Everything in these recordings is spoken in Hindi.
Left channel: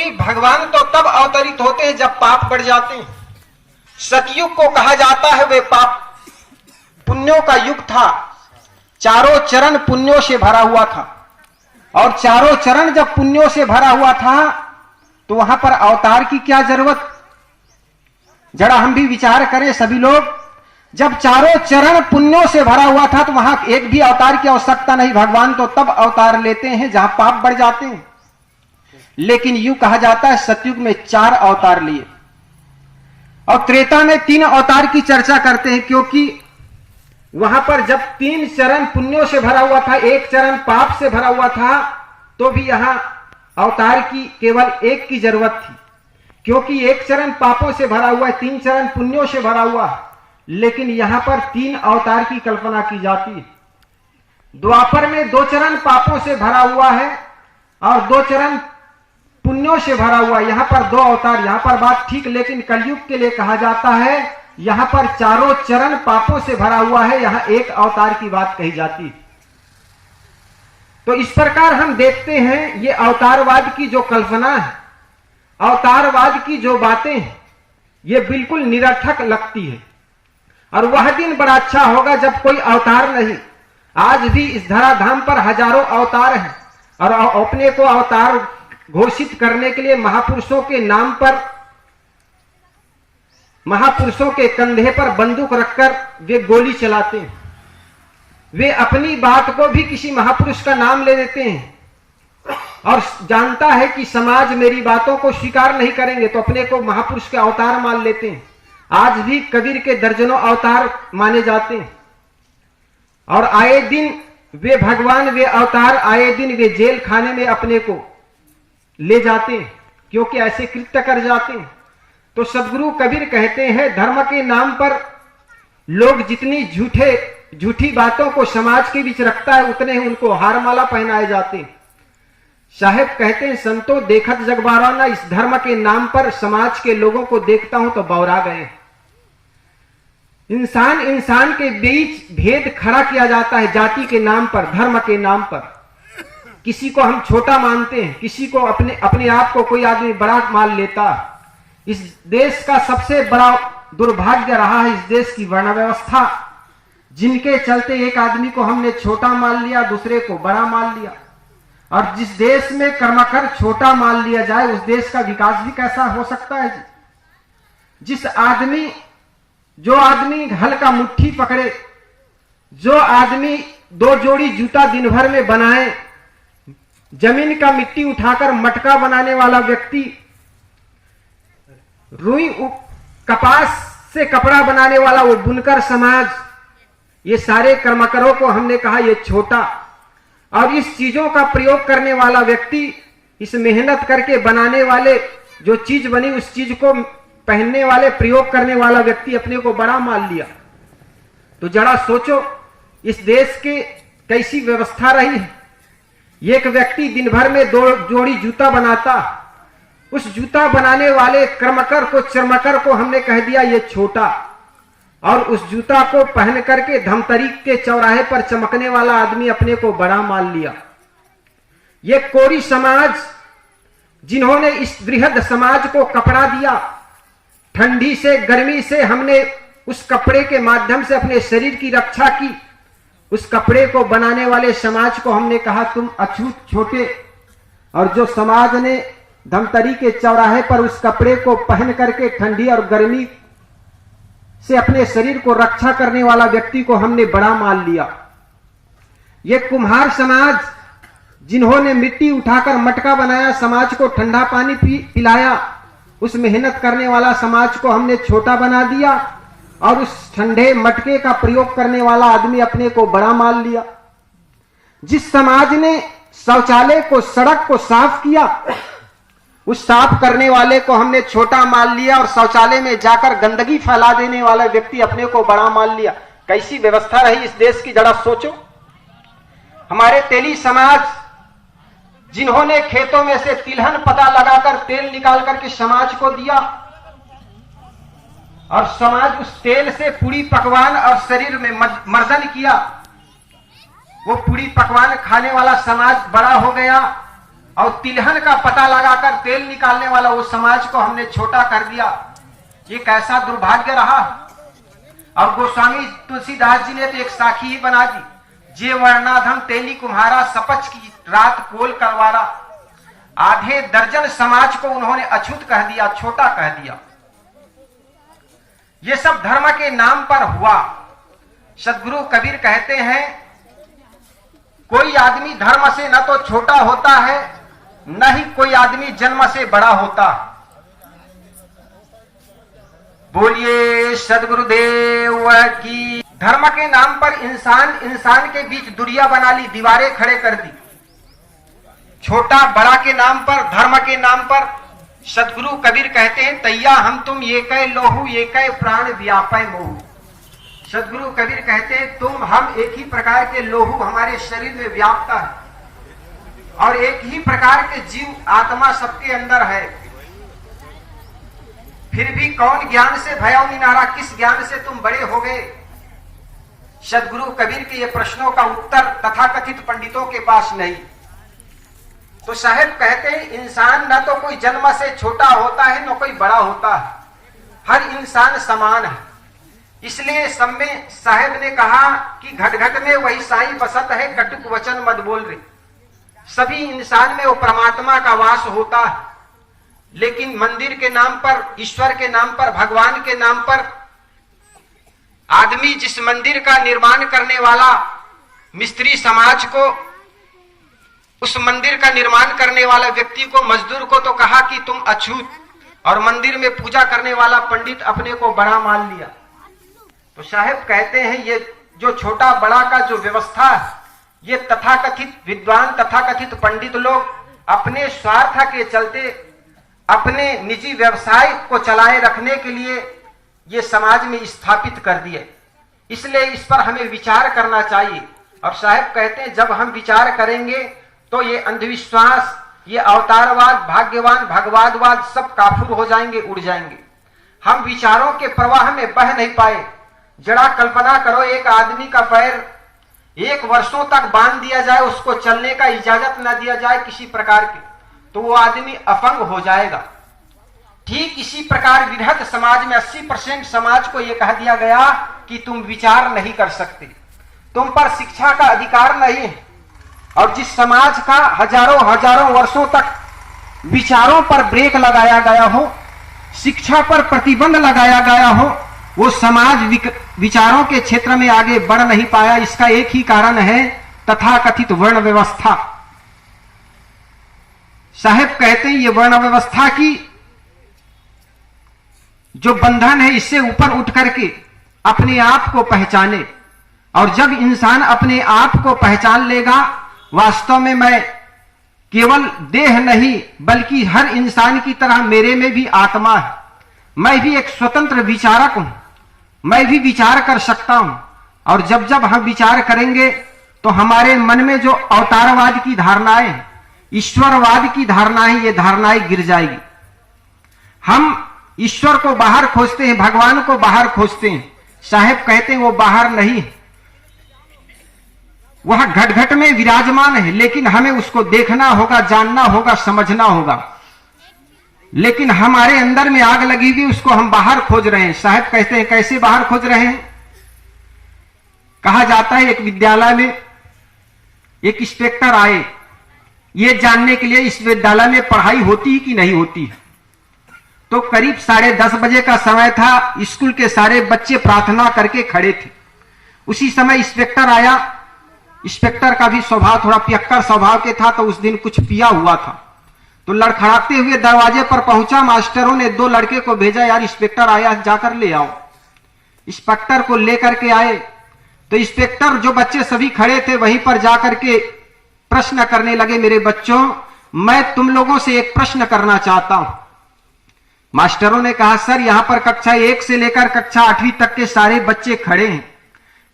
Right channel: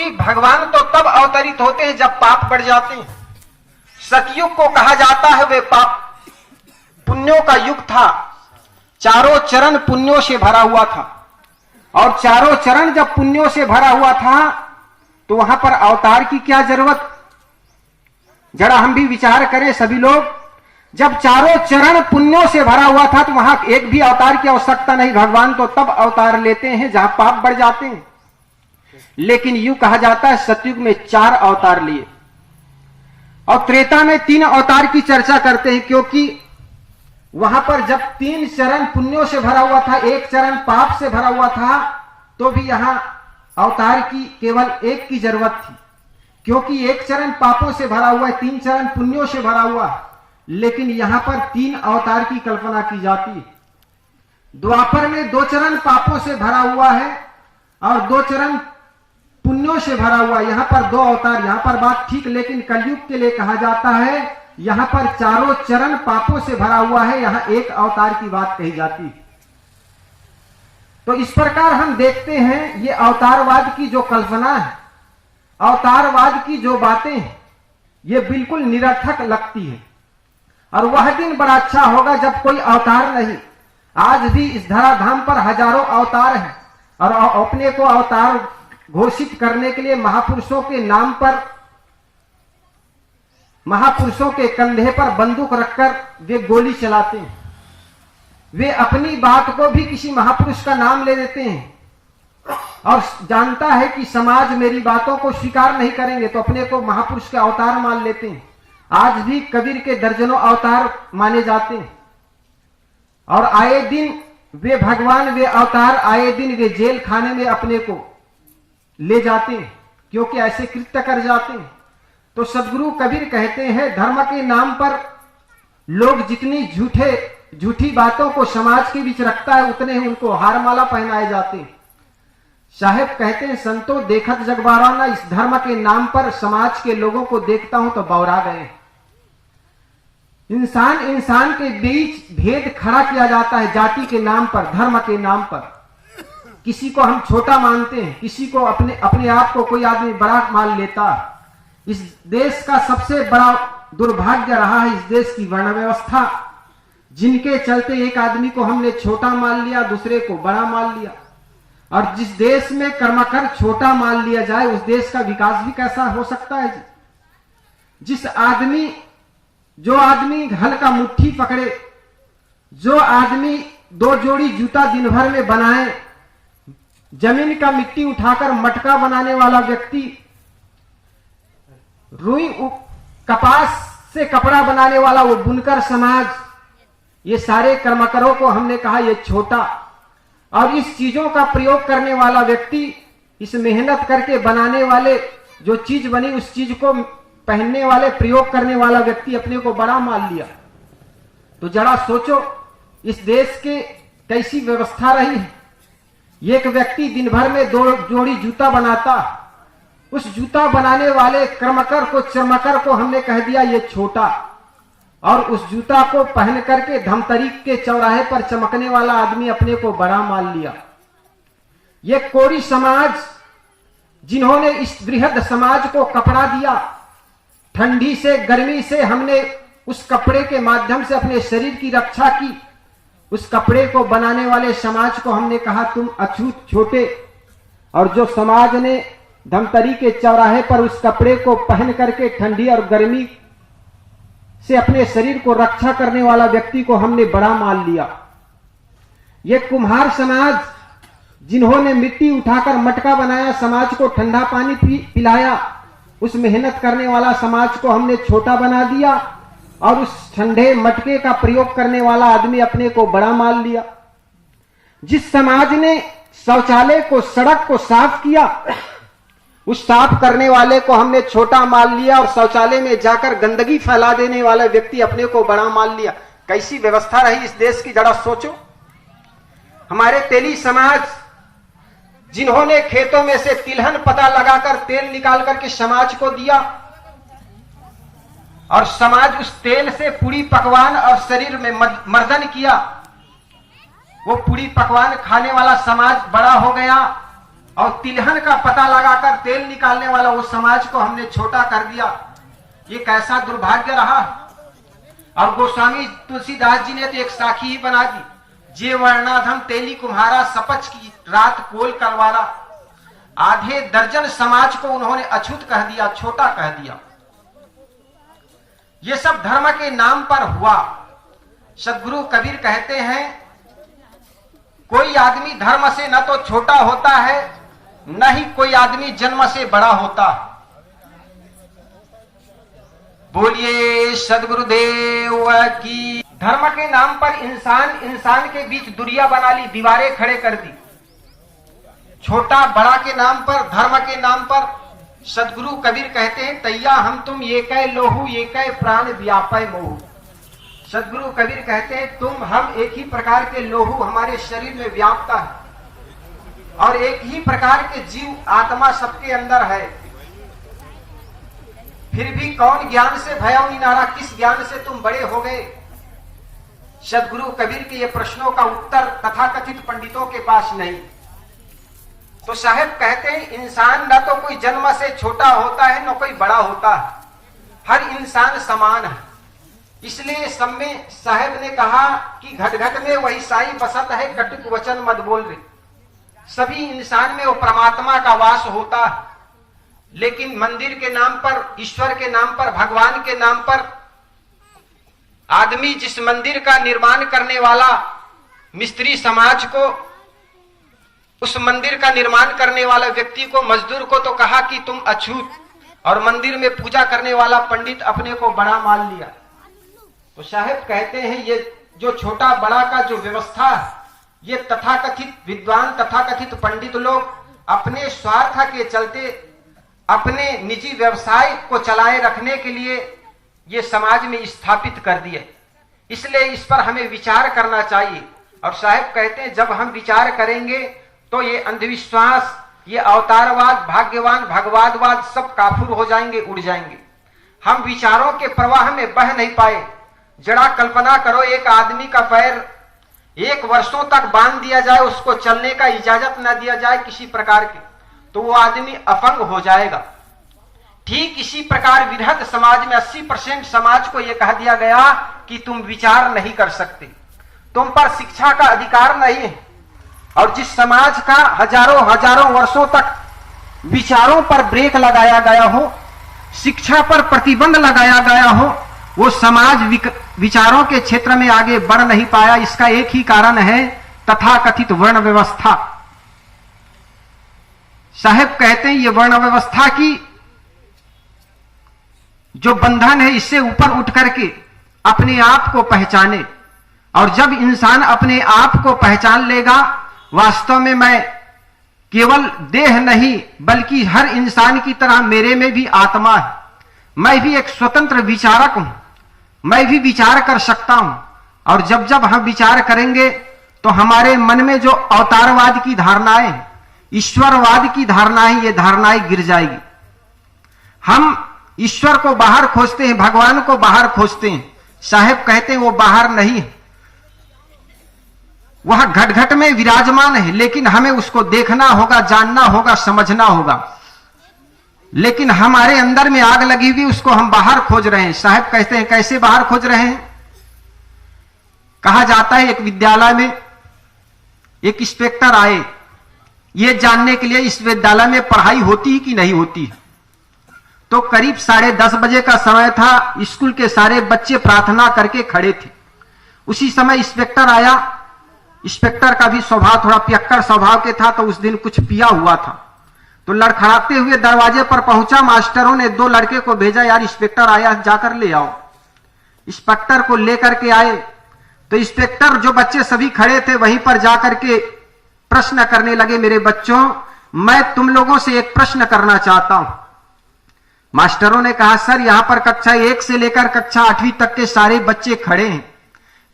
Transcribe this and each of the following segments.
क्योंकि भगवान तो तब अवतरित होते हैं जब पाप बढ़ जाते हैं। सतयुग को कहा जाता है वे पाप पुण्यों का युग था, चारों चरण पुण्यों से भरा हुआ था। और चारों चरण जब पुण्यों से भरा हुआ था तो वहां पर अवतार की क्या जरूरत? जरा हम भी विचार करें सभी लोग। जब चारों चरण पुण्यों से भरा हुआ था तो वहां एक भी अवतार की आवश्यकता नहीं। भगवान तो तब अवतार लेते हैं जहां पाप बढ़ जाते हैं। लेकिन यूं कहा जाता है सतयुग में 4 अवतार लिए और त्रेता में 3 अवतार की चर्चा करते हैं, क्योंकि वहां पर जब 3 चरण पुण्यों से भरा हुआ था, 1 चरण पाप से भरा हुआ था, तो भी यहां अवतार की केवल 1 की जरूरत थी, क्योंकि 1 चरण पापों से भरा हुआ है, 3 चरण पुण्यों से भरा हुआ है। लेकिन यहां पर 3 अवतार की कल्पना की जाती है। द्वापर में 2 चरण पापों से भरा हुआ है और 2 चरण पुण्यों से भरा हुआ है। यहां पर 2 अवतार, यहां पर बात ठीक, लेकिन कलयुग के लिए कहा जाता है यहां पर चारों चरण पापों से भरा हुआ है, यहां 1 अवतार की बात कही जाती है। तो इस प्रकार हम देखते हैं ये अवतारवाद की जो कल्पना है, अवतारवाद की जो बातें हैं, ये बिल्कुल निरर्थक लगती है। और वह दिन बड़ा अच्छा होगा जब कोई अवतार नहीं। आज भी इस धराधाम पर हजारों अवतार हैं और अपने को अवतार घोषित करने के लिए महापुरुषों के नाम पर, महापुरुषों के कंधे पर बंदूक रखकर वे गोली चलाते हैं। वे अपनी बात को भी किसी महापुरुष का नाम ले देते हैं और जानता है कि समाज मेरी बातों को स्वीकार नहीं करेंगे तो अपने को महापुरुष के अवतार मान लेते हैं। आज भी कबीर के दर्जनों अवतार माने जाते हैं और आए दिन वे भगवान, वे अवतार आए दिन वे जेल खाने में अपने को ले जाते हैं, क्योंकि ऐसे कृत्य कर जाते हैं। तो सदगुरु कबीर कहते हैं धर्म के नाम पर लोग जितनी झूठी बातों को समाज के बीच रखता है उतने ही उनको हार माला पहनाए जाते हैं। साहेब कहते हैं संतो देखत जगबारा ना, इस धर्म के नाम पर समाज के लोगों को देखता हूं तो बौरा गए। इंसान इंसान के बीच भेद खड़ा किया जाता है जाति के नाम पर, धर्म के नाम पर। किसी को हम छोटा मानते हैं, किसी को अपने आप को कोई आदमी बड़ा मान लेता है। इस देश का सबसे बड़ा दुर्भाग्य रहा है इस देश की वर्ण व्यवस्था, जिनके चलते एक आदमी को हमने छोटा मान लिया, दूसरे को बड़ा मान लिया। और जिस देश में कर्मकर छोटा मान लिया जाए उस देश का विकास भी कैसा हो सकता है? जो आदमी हल का मुट्ठी पकड़े, जो आदमी 2 जोड़ी जूता दिन भर में बनाए, जमीन का मिट्टी उठाकर मटका बनाने वाला व्यक्ति, रुई कपास से कपड़ा बनाने वाला वो बुनकर समाज, ये सारे कर्मकरों को हमने कहा ये छोटा। और इस चीजों का प्रयोग करने वाला व्यक्ति, इस मेहनत करके बनाने वाले जो चीज बनी उस चीज को पहनने वाले, प्रयोग करने वाला व्यक्ति अपने को बड़ा मान लिया। तो जरा सोचो इस देश के कैसी व्यवस्था रही है। एक व्यक्ति दिन भर में 2 जोड़ी जूता बनाता, उस जूता बनाने वाले कर्मकर को, चर्मकर को हमने कह दिया ये छोटा, और उस जूता को पहन करके धमतरी के चौराहे पर चमकने वाला आदमी अपने को बड़ा मान लिया। ये कोरी समाज जिन्होंने इस बृहद समाज को कपड़ा दिया, ठंडी से गर्मी से हमने उस कपड़े के माध्यम से अपने शरीर की रक्षा की। उस कपड़े को बनाने वाले समाज को हमने कहा तुम अछूत छोटे, और जो समाज ने धमतरी के चौराहे पर उस कपड़े को पहन करके ठंडी और गर्मी से अपने शरीर को रक्षा करने वाला व्यक्ति को हमने बड़ा मान लिया। ये कुम्हार समाज जिन्होंने मिट्टी उठाकर मटका बनाया, समाज को ठंडा पानी पिलाया, उस मेहनत करने वाला समाज को हमने छोटा बना दिया और उस ठंडे मटके का प्रयोग करने वाला आदमी अपने को बड़ा मान लिया। जिस समाज ने शौचालय को, सड़क को साफ किया, उस साफ करने वाले को हमने छोटा मान लिया और शौचालय में जाकर गंदगी फैला देने वाले व्यक्ति अपने को बड़ा मान लिया। कैसी व्यवस्था रही इस देश की, जरा सोचो। हमारे तेली समाज जिन्होंने खेतों में से तिलहन पता लगाकर तेल निकाल करके समाज को दिया और समाज उस तेल से पूरी पकवान और शरीर में मर्दन किया, वो पूरी पकवान खाने वाला समाज बड़ा हो गया और तिलहन का पता लगाकर तेल निकालने वाला वो समाज को हमने छोटा कर दिया। ये कैसा दुर्भाग्य रहा। और गोस्वामी तुलसीदास जी ने तो एक साखी ही बना दी, जे वर्णाधम तेली कुम्हारा, सपच की रात पोल कलवारा। आधे दर्जन समाज को उन्होंने अछूत कह दिया, छोटा कह दिया। ये सब धर्म के नाम पर हुआ। सदगुरु कबीर कहते हैं, कोई आदमी धर्म से न तो छोटा होता है, न ही कोई आदमी जन्म से बड़ा होता। बोलिए सदगुरुदेव की। धर्म के नाम पर इंसान के बीच दूरियां बना ली, दीवारें खड़े कर दी। छोटा बड़ा के नाम पर, धर्म के नाम पर सदगुरु कबीर कहते हैं, तैया हम तुम ये कै लोहू, ये कै प्राण व्यापय मोहू। सदगुरु कबीर कहते हैं, तुम हम एक ही प्रकार के लोहू हमारे शरीर में व्याप्त है, और एक ही प्रकार के जीव आत्मा सबके अंदर है। फिर भी कौन ज्ञान से भया निनारा, किस ज्ञान से तुम बड़े हो गए। सदगुरु कबीर के ये प्रश्नों का उत्तर तथाकथित पंडितों के पास नहीं। तो साहब कहते हैं, इंसान न तो कोई जन्म से छोटा होता है, न कोई बड़ा होता है, हर इंसान समान है। इसलिए सब में साहेब ने कहा कि घट घट में वही साई बसत है, कटुक वचन मत बोल रे। सभी इंसान में वो परमात्मा का वास होता है, लेकिन मंदिर के नाम पर, ईश्वर के नाम पर, भगवान के नाम पर आदमी जिस मंदिर का निर्माण करने वाला मिस्त्री समाज को, उस मंदिर का निर्माण करने वाला व्यक्ति को, मजदूर को तो कहा कि तुम अछूत, और मंदिर में पूजा करने वाला पंडित अपने को बड़ा मान लिया। तो साहब कहते हैं, ये जो छोटा बड़ा का जो व्यवस्था है, ये तथाकथित विद्वान, तथाकथित पंडित लोग अपने स्वार्थ के चलते, अपने निजी व्यवसाय को चलाए रखने के लिए ये समाज में स्थापित कर दिए। इसलिए इस पर हमें विचार करना चाहिए। और साहब कहते हैं, जब हम विचार करेंगे तो ये अंधविश्वास, ये अवतारवाद, भाग्यवान, भगवादवाद सब काफूर हो जाएंगे, उड़ जाएंगे। हम विचारों के प्रवाह में बह नहीं पाए। जरा कल्पना करो, एक आदमी का पैर 1 वर्षों तक बांध दिया जाए, उसको चलने का इजाजत न दिया जाए किसी प्रकार की, तो वो आदमी अपंग हो जाएगा। ठीक इसी प्रकार विरहत समाज में 80% समाज को यह कह दिया गया कि तुम विचार नहीं कर सकते, तुम पर शिक्षा का अधिकार नहीं है। और जिस समाज का हजारों वर्षों तक विचारों पर ब्रेक लगाया गया हो, शिक्षा पर प्रतिबंध लगाया गया हो, वो समाज विचारों के क्षेत्र में आगे बढ़ नहीं पाया। इसका एक ही कारण है, तथाकथित वर्ण व्यवस्था। साहब कहते हैं, ये वर्ण व्यवस्था की जो बंधन है, इससे ऊपर उठ करके अपने आप को पहचाने। और जब इंसान अपने आप को पहचान लेगा, वास्तव में मैं केवल देह नहीं, बल्कि हर इंसान की तरह मेरे में भी आत्मा है, मैं भी एक स्वतंत्र विचारक हूं, मैं भी विचार कर सकता हूं। और जब जब हम विचार करेंगे तो हमारे मन में जो अवतारवाद की धारणाएं, ईश्वरवाद की धारणाएं, ये धारणाएं गिर जाएगी। हम ईश्वर को बाहर खोजते हैं, भगवान को बाहर खोजते हैं। साहेब कहते हैं, वो बाहर नहीं है, वह घट घट में विराजमान है, लेकिन हमें उसको देखना होगा, जानना होगा, समझना होगा। लेकिन हमारे अंदर में आग लगी हुई, उसको हम बाहर खोज रहे हैं। साहब कहते हैं, कैसे बाहर खोज रहे हैं? कहा जाता है, एक विद्यालय में एक इंस्पेक्टर आए, ये जानने के लिए इस विद्यालय में पढ़ाई होती है कि नहीं होती है। तो करीब 10:30 बजे का समय था, स्कूल के सारे बच्चे प्रार्थना करके खड़े थे। उसी समय इंस्पेक्टर आया। इंस्पेक्टर का भी स्वभाव थोड़ा पियक्कड़ स्वभाव के था, तो उस दिन कुछ पिया हुआ था। तो लड़खड़ाते हुए दरवाजे पर पहुंचा। मास्टरों ने 2 लड़के को भेजा, यार इंस्पेक्टर आया, जाकर ले आओ। इंस्पेक्टर को लेकर के आए तो इंस्पेक्टर, जो बच्चे सभी खड़े थे वहीं पर जाकर के प्रश्न करने लगे, मेरे बच्चों, मैं तुम लोगों से एक प्रश्न करना चाहता हूं। मास्टरों ने कहा, सर यहां पर कक्षा 1 से लेकर कक्षा 8वीं तक के सारे बच्चे खड़े हैं,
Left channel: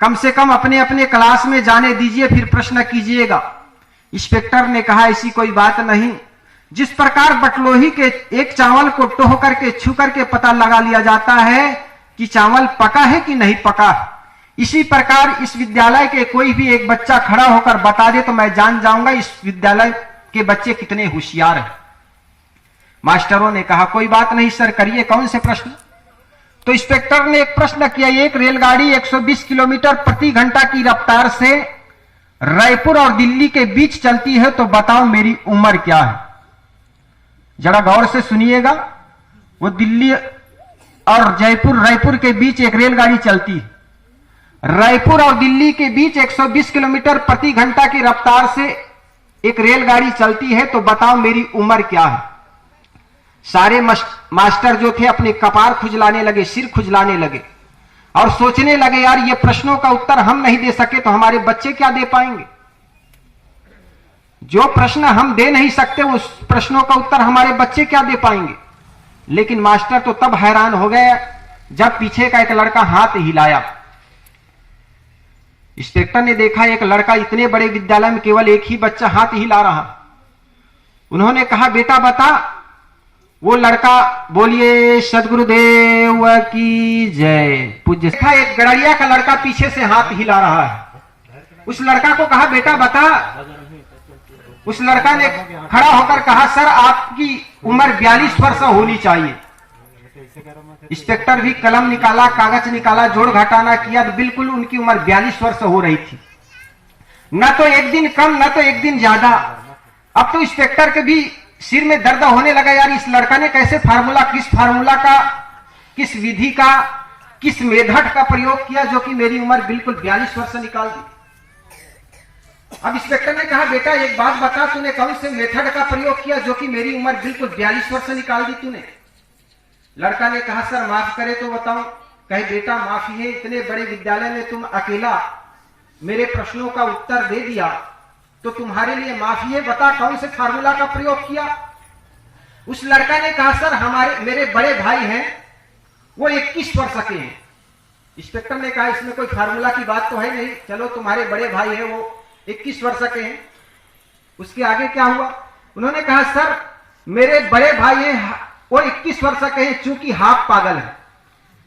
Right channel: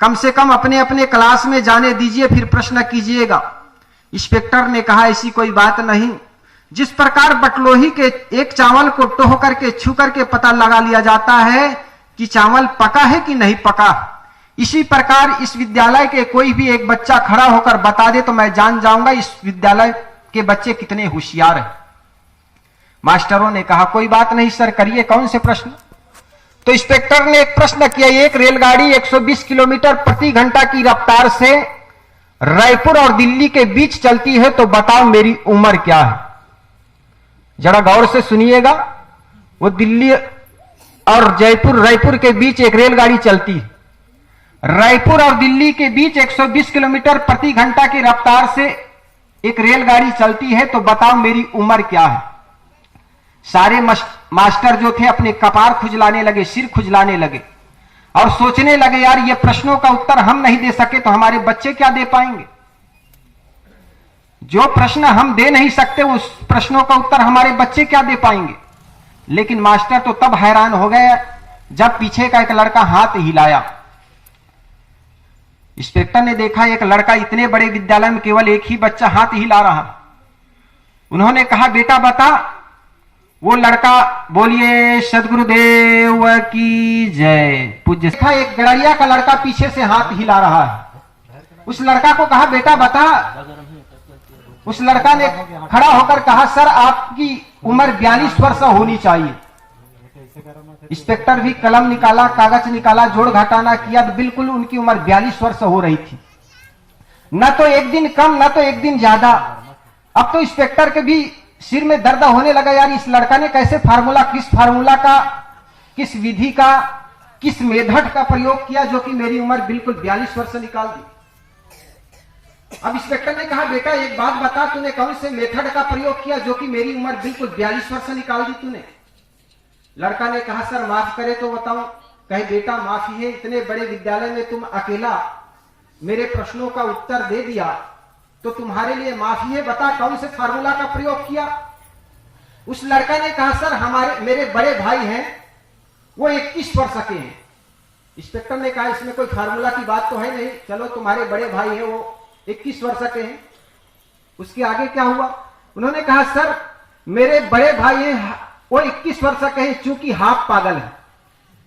कम से कम अपने अपने क्लास में जाने दीजिए, फिर प्रश्न कीजिएगा। इंस्पेक्टर ने कहा, ऐसी कोई बात नहीं। जिस प्रकार बटलोही के एक चावल को टोह करके, छू करके पता लगा लिया जाता है कि चावल पका है कि नहीं पका, इसी प्रकार इस विद्यालय के कोई भी एक बच्चा खड़ा होकर बता दे तो मैं जान जाऊंगा इस विद्यालय के बच्चे कितने होशियार हैं। मास्टरों ने कहा कोई बात नहीं सर, करिए कौन से प्रश्न। तो इंस्पेक्टर ने एक प्रश्न किया, एक रेलगाड़ी 120 किलोमीटर प्रति घंटा की रफ्तार से रायपुर और दिल्ली के बीच चलती है, तो बताओ मेरी उम्र क्या है। जरा गौर से सुनिएगा, वो दिल्ली और रायपुर के बीच एक रेलगाड़ी चलती है। रायपुर और दिल्ली के बीच 120 किलोमीटर प्रति घंटा की रफ्तार से एक रेलगाड़ी चलती है, तो बताओ मेरी उम्र क्या है। सारे मास्टर जो थे अपने कपार खुजलाने लगे, सिर खुजलाने लगे और सोचने लगे यार ये प्रश्नों का उत्तर हम नहीं दे सके तो हमारे बच्चे क्या दे पाएंगे। जो प्रश्न हम दे नहीं सकते उस प्रश्नों का उत्तर हमारे बच्चे क्या दे पाएंगे। लेकिन मास्टर तो तब हैरान हो गए जब पीछे का एक लड़का हाथ हिलाया। इंस्पेक्टर ने देखा एक लड़का इतने बड़े विद्यालय में केवल एक ही बच्चा हाथ हिला रहा। उन्होंने कहा बेटा बता। वो लड़का बोलिए सदगुरुदेव की जय पूज्य। देखा एक गड़रिया का लड़का पीछे से हाथ हिला रहा है। उस लड़का को कहा बेटा बता। उस लड़का ने खड़ा होकर कहा सर आपकी उम्र 42 वर्ष होनी चाहिए। इंस्पेक्टर भी कलम निकाला, कागज निकाला, जोड़ घटाना किया तो बिल्कुल उनकी उम्र 42 वर्ष हो रही थी। न तो एक दिन कम न तो एक दिन ज्यादा। अब तो इंस्पेक्टर के भी सिर में दर्द होने लगा, यार इस लड़का ने कैसे किस फार्मूला का, किस विधि का, किस मेथड का प्रयोग किया जो कि मेरी उम्र बिल्कुल 42 वर्ष निकाल दी। अब इंस्पेक्टर ने कहा बेटा एक बात बता, तूने कौन से मेथड का प्रयोग किया जो कि मेरी उम्र बिल्कुल 42 वर्ष निकाल दी तूने। लड़का ने कहा सर माफ करे तो बताऊं। कहे बेटा माफी है, इतने बड़े विद्यालय में तुम अकेला मेरे प्रश्नों का उत्तर दे दिया तो तुम्हारे लिए माफी है, बता कौन से फार्मूला का प्रयोग किया। उस लड़का ने कहा सर मेरे बड़े भाई हैं वो 21 वर्ष के हैं। इंस्पेक्टर ने कहा इसमें कोई फार्मूला की बात तो है नहीं, चलो तुम्हारे बड़े भाई हैं वो 21 वर्ष के हैं। उसके आगे क्या हुआ। उन्होंने कहा सर मेरे बड़े भाई हैं वो 21 वर्ष के हैं, चूंकि हाफ पागल है।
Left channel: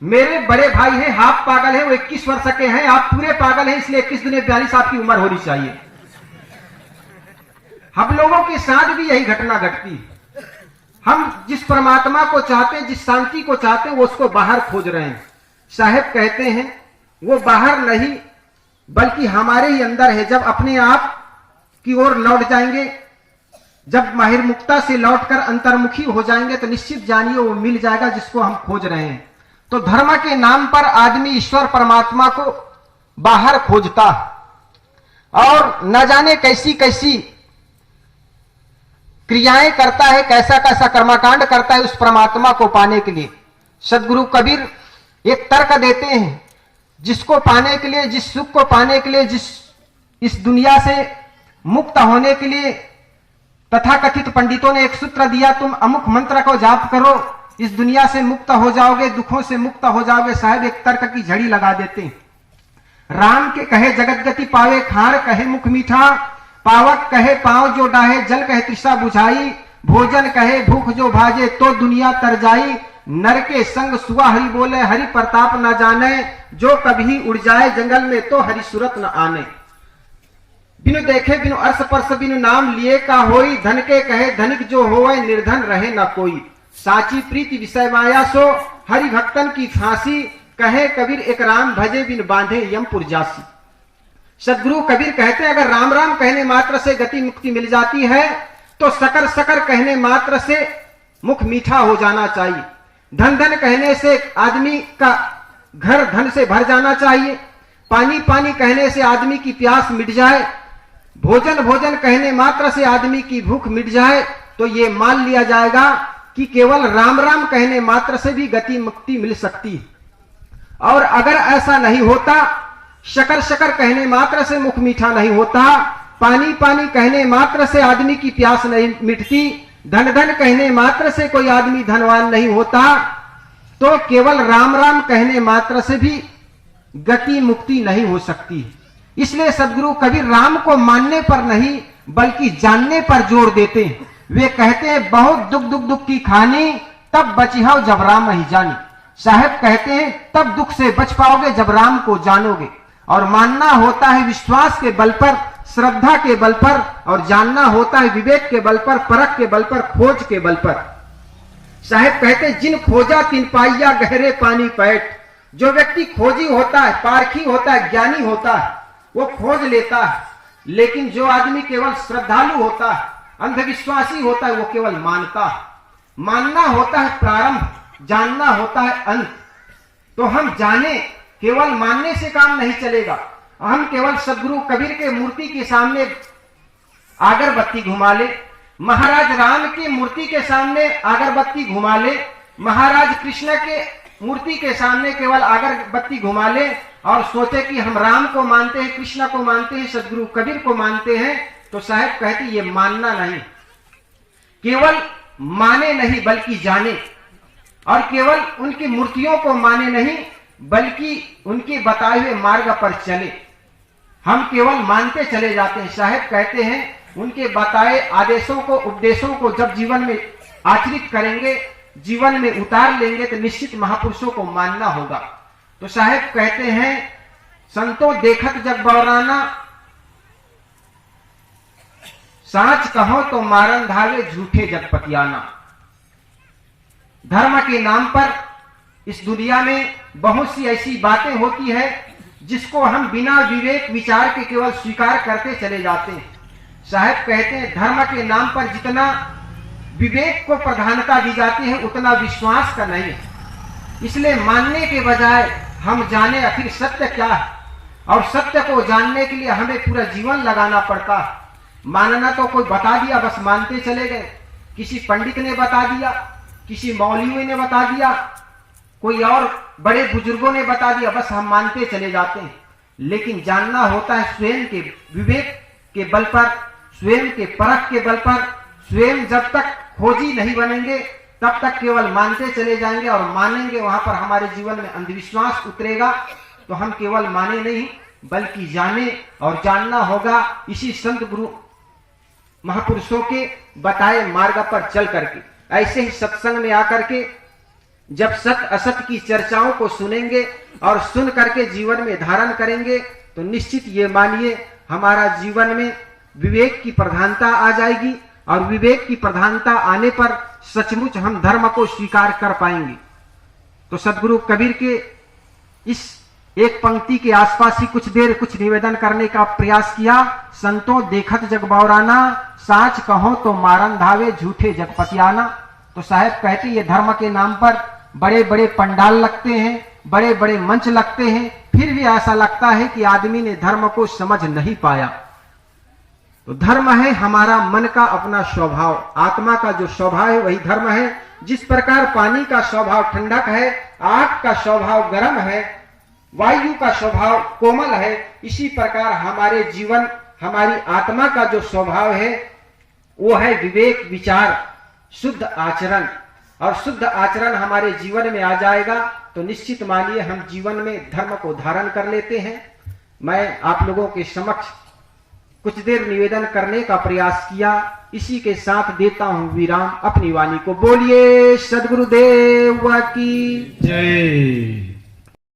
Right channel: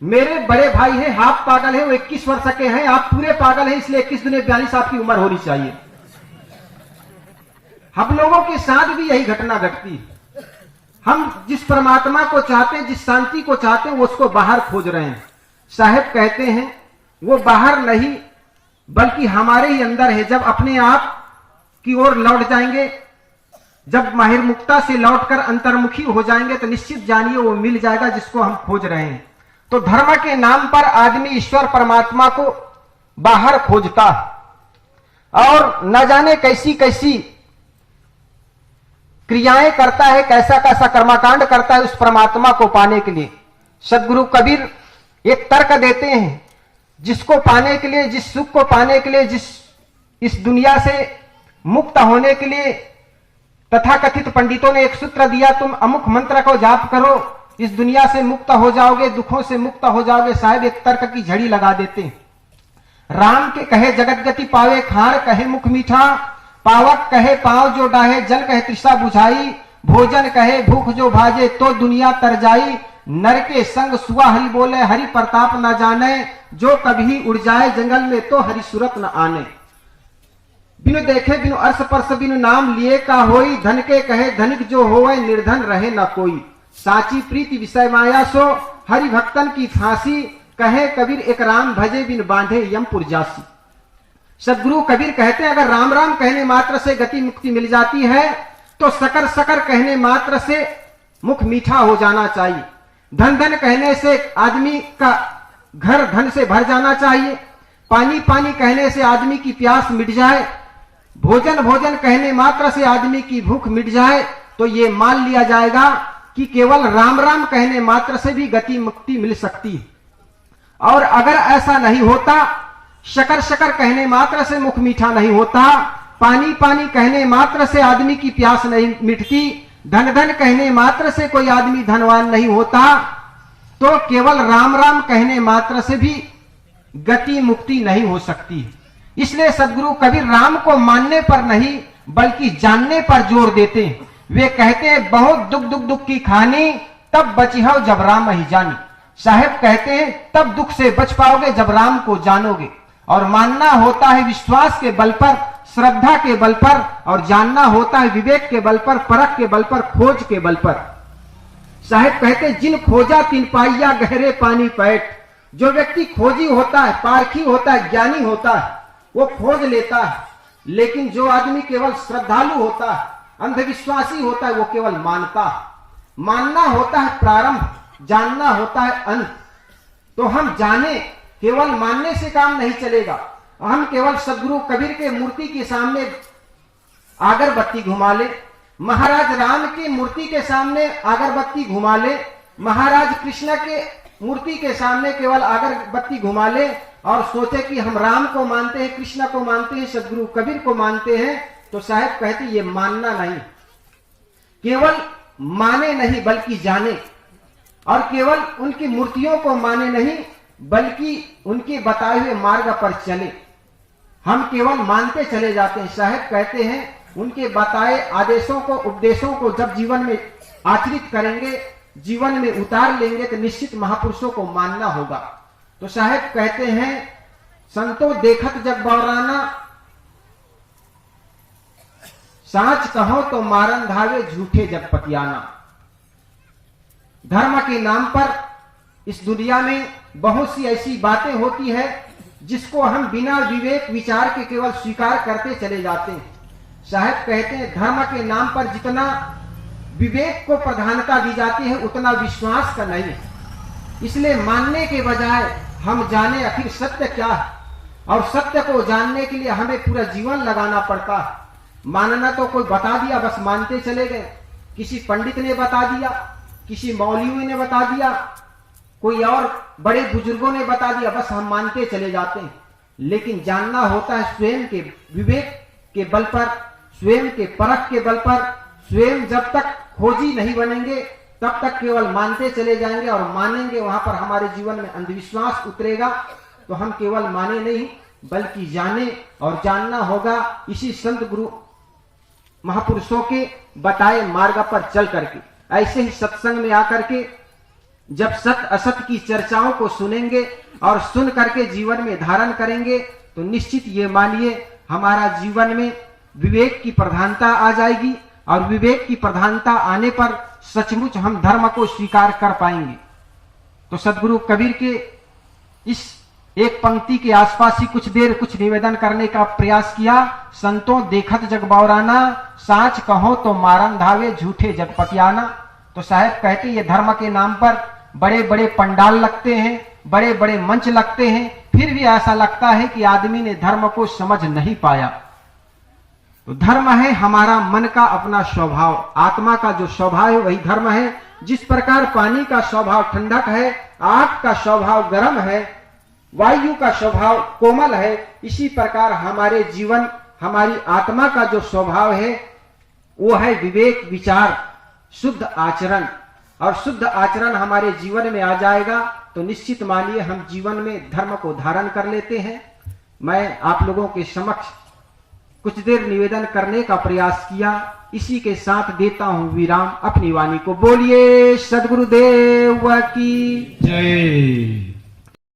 मेरे बड़े भाई हैं हाफ पागल है, वो 21 वर्ष के हैं, आप पूरे पागल हैं, इसलिए 21 दूनी 42 आपकी उम्र होनी चाहिए। हम लोगों के साथ भी यही घटना घटती है। हम जिस परमात्मा को चाहते हैं, जिस शांति को चाहते हैं, वो उसको बाहर खोज रहे हैं। साहब कहते हैं वो बाहर नहीं बल्कि हमारे ही अंदर है। जब अपने आप की ओर लौट जाएंगे, जब माहिरमुक्ता से लौटकर अंतर्मुखी हो जाएंगे तो निश्चित जानिए वो मिल जाएगा जिसको हम खोज रहे हैं। तो धर्म के नाम पर आदमी ईश्वर परमात्मा को बाहर खोजता है और न जाने कैसी कैसी क्रियाएं करता है, कैसा कैसा कर्मकांड करता है उस परमात्मा को पाने के लिए। सदगुरु कबीर एक तर्क देते हैं, जिसको पाने के लिए, जिस सुख को पाने के लिए, जिस इस दुनिया से मुक्त होने के लिए तथाकथित पंडितों ने एक सूत्र दिया, तुम अमुक मंत्र को जाप करो, इस दुनिया से मुक्त हो जाओगे, दुखों से मुक्त हो जाओगे। साहब एक तर्क की झड़ी लगा देते हैं। राम के कहे जगत गति पावे, खार कहे मुख मीठा, पावक कहे पांव जो डाहे, जल कहे तृष्णा बुझाई, भोजन कहे भूख जो भाजे, तो दुनिया तर जाई। नर के संग सुआ हरि बोले, हरि प्रताप न जाने, जो कभी उड़ जाए जंगल में तो हरि सूरत न आने। बिनु देखे बिनु अर्श परस बिनु नाम लिए का होई, धन के कहे धनिक जो होवे, निर्धन रहे न कोई। साची प्रीति विषय माया सो, हरि भक्तन की फांसी, कहे कबीर एक राम भजे बिन बांधे यमपुर जासी। सदगुरु कबीर कहते हैं अगर राम राम कहने मात्र से गति मुक्ति मिल जाती है तो सकर सकर कहने मात्र से मुख मीठा हो जाना चाहिए। धन धन कहने से आदमी का घर धन से भर जाना चाहिए। पानी पानी कहने से आदमी की प्यास मिट जाए। भोजन भोजन कहने मात्र से आदमी की भूख मिट जाए। तो ये मान लिया जाएगा कि केवल राम राम कहने मात्र से भी गति मुक्ति मिल सकती है। और अगर ऐसा नहीं होता, शकर शकर कहने मात्र से मुख मीठा नहीं होता, पानी पानी कहने मात्र से आदमी की प्यास नहीं मिटती, धन धन कहने मात्र से कोई आदमी धनवान नहीं होता, तो केवल राम राम कहने मात्र से भी गति मुक्ति नहीं हो सकती। इसलिए सदगुरु कबीर राम को मानने पर नहीं बल्कि जानने पर जोर देते हैं। वे कहते हैं बहुत दुख दुख दुख की खानी, तब बची हो जब राम ही जानी। साहेब कहते हैं तब दुख से बच पाओगे जब राम को जानोगे। और मानना होता है विश्वास के बल पर, श्रद्धा के बल पर, और जानना होता है विवेक के बल पर, परख के बल पर, खोज के बल पर। साहेब कहते जिन खोजा तिन पाइया गहरे पानी पैठ। जो व्यक्ति खोजी होता है, पारखी होता है, ज्ञानी होता है, वो खोज लेता है। लेकिन जो आदमी केवल श्रद्धालु होता है, अंधविश्वासी होता है, वो केवल मानता है। मानना होता है प्रारंभ, जानना होता है अंत। तो हम जाने, केवल मानने से काम नहीं चलेगा। हम केवल सदगुरु कबीर के मूर्ति के सामने अगरबत्ती घुमा ले, महाराज राम की मूर्ति के सामने अगरबत्ती घुमा ले, महाराज कृष्ण के मूर्ति के सामने केवल अगरबत्ती घुमा ले और सोचे कि हम राम को मानते हैं, कृष्ण को मानते हैं, सदगुरु कबीर को मानते हैं, तो साहब कहते ये मानना नहीं। केवल माने नहीं बल्कि जाने, और केवल उनकी मूर्तियों को माने नहीं बल्कि उनके बताए हुए मार्ग पर चले। हम केवल मानते चले जाते हैं। साहब कहते हैं उनके बताए आदेशों को, उपदेशों को जब जीवन में आचरित करेंगे, जीवन में उतार लेंगे, तो निश्चित महापुरुषों को मानना होगा। तो साहब कहते हैं संतो देखत जग बौराना, साच कहो तो मारन धावे झूठे जगपतियाना। धर्म के नाम पर इस दुनिया में बहुत सी ऐसी बातें होती है जिसको हम बिना विवेक विचार के केवल स्वीकार करते चले जाते हैं। साहब कहते हैं धर्म के नाम पर जितना विवेक को प्रधानता दी जाती है उतना विश्वास का नहीं है। इसलिए मानने के बजाय हम जाने आखिर सत्य क्या है, और सत्य को जानने के लिए हमें पूरा जीवन लगाना पड़ता है। मानना तो कोई बता दिया बस मानते चले गए, किसी पंडित ने बता दिया, किसी मौलवी ने बता दिया, कोई और बड़े बुजुर्गों ने बता दिया, बस हम मानते चले जाते हैं। लेकिन जानना होता है स्वयं के विवेक के बल पर, स्वयं के परख के बल पर। स्वयं जब तक खोजी नहीं बनेंगे तब तक केवल मानते चले जाएंगे, और मानेंगे वहां पर हमारे जीवन में अंधविश्वास उतरेगा। तो हम केवल माने नहीं बल्कि जाने, और जानना होगा इसी संत गुरु महापुरुषों के बताए मार्ग पर चल करके। ऐसे ही सत्संग में आकर के जब सत असत की चर्चाओं को सुनेंगे और सुन करके जीवन में धारण करेंगे, तो निश्चित ये मानिए हमारा जीवन में विवेक की प्रधानता आ जाएगी, और विवेक की प्रधानता आने पर सचमुच हम धर्म को स्वीकार कर पाएंगे। तो सदगुरु कबीर के इस एक पंक्ति के आसपास ही कुछ देर कुछ निवेदन करने का प्रयास किया। संतों देखत जग बौराना, साच कहो तो मारन धावे झूठे जगपतियाना। तो साहब कहते ये धर्म के नाम पर बड़े बड़े पंडाल लगते हैं, बड़े बड़े मंच लगते हैं, फिर भी ऐसा लगता है कि आदमी ने धर्म को समझ नहीं पाया। तो धर्म है हमारा मन का अपना स्वभाव, आत्मा का जो स्वभाव है वही धर्म है। जिस प्रकार पानी का स्वभाव ठंडक है, आग का स्वभाव गर्म है, वायु का स्वभाव कोमल है, इसी प्रकार हमारे जीवन, हमारी आत्मा का जो स्वभाव है वो है विवेक विचार, शुद्ध आचरण। और शुद्ध आचरण हमारे जीवन में आ जाएगा तो निश्चित मानिए हम जीवन में धर्म को धारण कर लेते हैं। मैं आप लोगों के समक्ष कुछ देर निवेदन करने का प्रयास किया, इसी के साथ देता हूं विराम। अपनी वाणी को बोलिए सद्गुरुदेव की जय।